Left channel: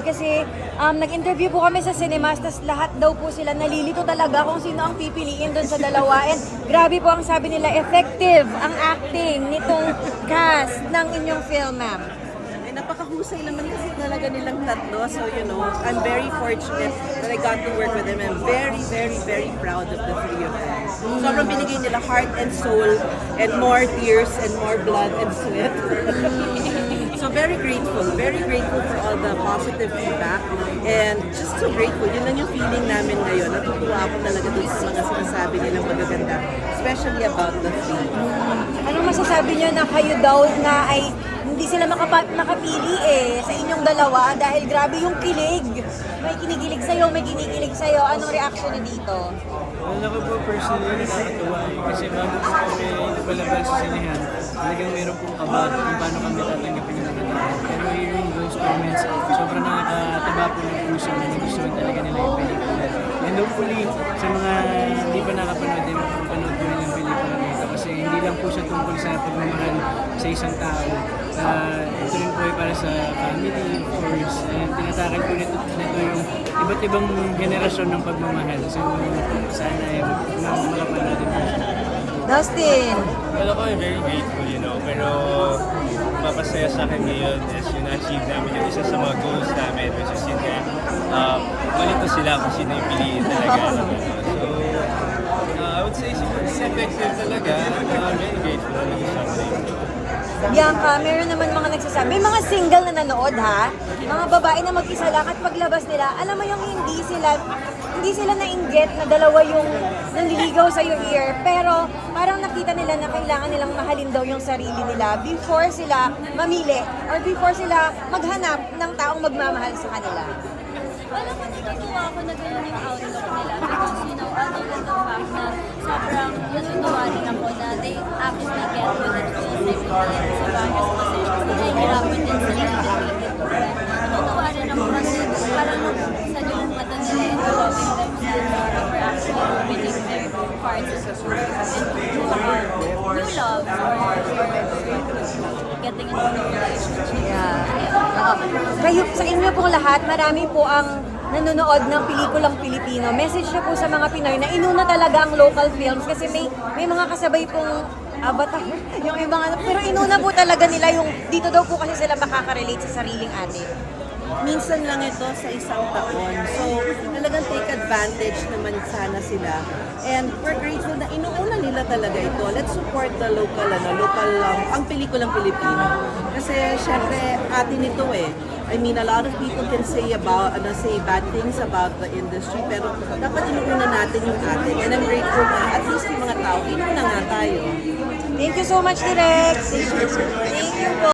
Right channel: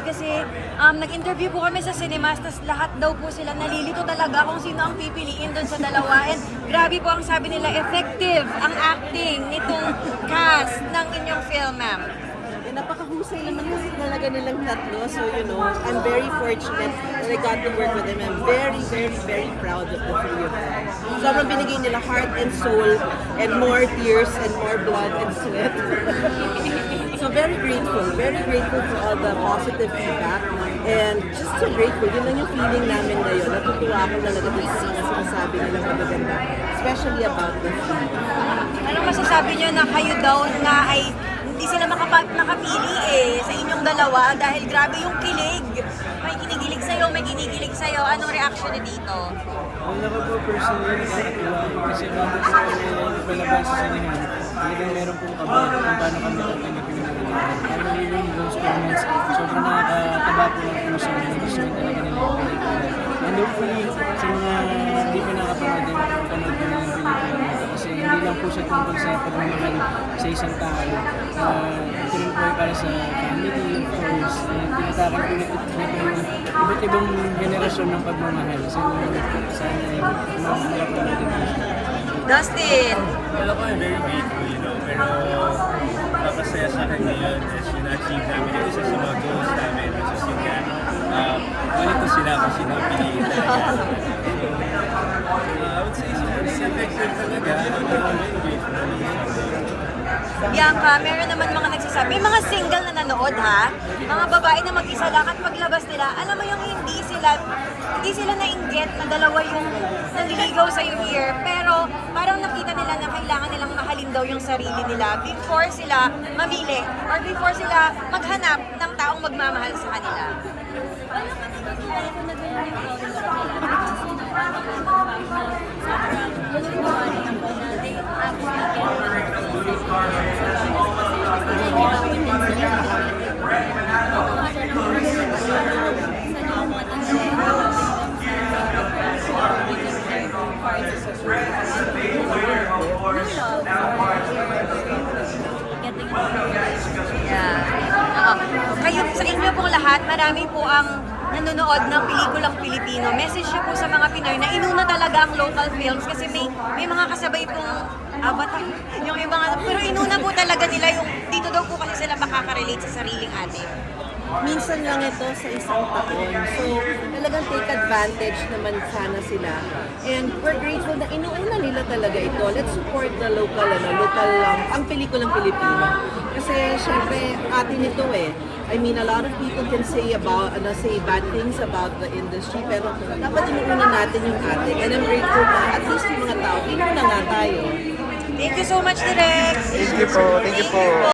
nanonood kasi nag-interview po kami sa cinemas, tas lahat daw po sila nalilito talaga kung sino ang pipiliin doon sa dalawa. And grabe po ang sabi nila, effective ang acting nitong cast ng inyong film, ma'am. Eh, napakahusay naman kasi talaga nilang tatlo. So, I'm very fortunate that I got to work with them. I'm very, very, very proud of the three of them. Sobrang binigay nila heart and soul and more tears and more blood and sweat. So very grateful for all the positive feedback and just so grateful. Yun lang yung feeling namin ngayon. Natutuwa ako talaga dun sa mga sinasabi nilang magaganda, especially about the three. Ano masasabi niyo na kayo daw na ay hindi sila makapili sa inyong dalawa dahil grabe yung kilig. May kinikilig sa'yo, may kinikilig sa'yo. Anong reaction niyo dito? Wala ko po personally nakakatuwa kasi bago po kami palabas sa sinihan, talagang meron pong kaba kung paano kami tatanggapin ng mga tao. Pero hearing those comments, sobrang nakakataba po ng puso na nagustuhan talaga nila yung pelikula. And hopefully, sa mga hindi pa nakapanood din, panood ko rin yung pelikula nito kasi hindi lang po siya tungkol sa pagmamahal sa isang tao. Ito rin po ay para sa family, of course, and tinatakan po nito yung iba't ibang henerasyon ng pagmamahal. So, sana ay makapanood din po siya. Dustin! Well, ako I'm very grateful, pero mapasaya sa akin ngayon is yung na-achieve namin yung isa sa mga goals namin, which is yun nga, malito sila kung sino yung piliin talaga. So, I would say super effective talaga. I'm very grateful na nag-something. Bianca, meron naman mga nagsasabi, may mga single na nanood ha, mga babae na mag-isa lang at paglabas nila, alam mo yung hindi sila na-inget na dalawa yung nanliligaw sa yung ear, pero parang nakita nila na kailangan nilang mahalin daw yung sarili nila before sila mamili or before sila maghanap ng taong magmamahal sa kanila. Wala ka natutuwa ako na gano'n yung outlook nila. Because, other than the fact na sobrang natutuwa rin ako na they actually get what it feels like sa various positions na nahihirapan din sila. Natutuwa rin ako kasi parang sa yung mata nila and loving themselves they were actually winning their parts of the world. And new love or getting into a relationship. Kayo, sa inyo po lahat, marami po ang nanonood ng pelikulang Pilipino. Message niyo po sa mga Pinoy na inuna talaga ang local films kasi may mga kasabay pong avatar. Yung may mga, pero inuna po talaga nila yung dito daw po kasi sila makaka-relate sa sariling atin. Minsan lang ito sa isang taon. So, talagang take advantage naman sana sila. And we're grateful na inuuna nila talaga ito. Let's support the local ang pelikulang Pilipino. Kasi syempre atin ito I mean, a lot of people can say bad things about the industry, pero dapat inuuna natin yung atin. And I'm grateful na at least yung mga tao, inuuna nga tayo. Thank you so much, Direk! Thank you po.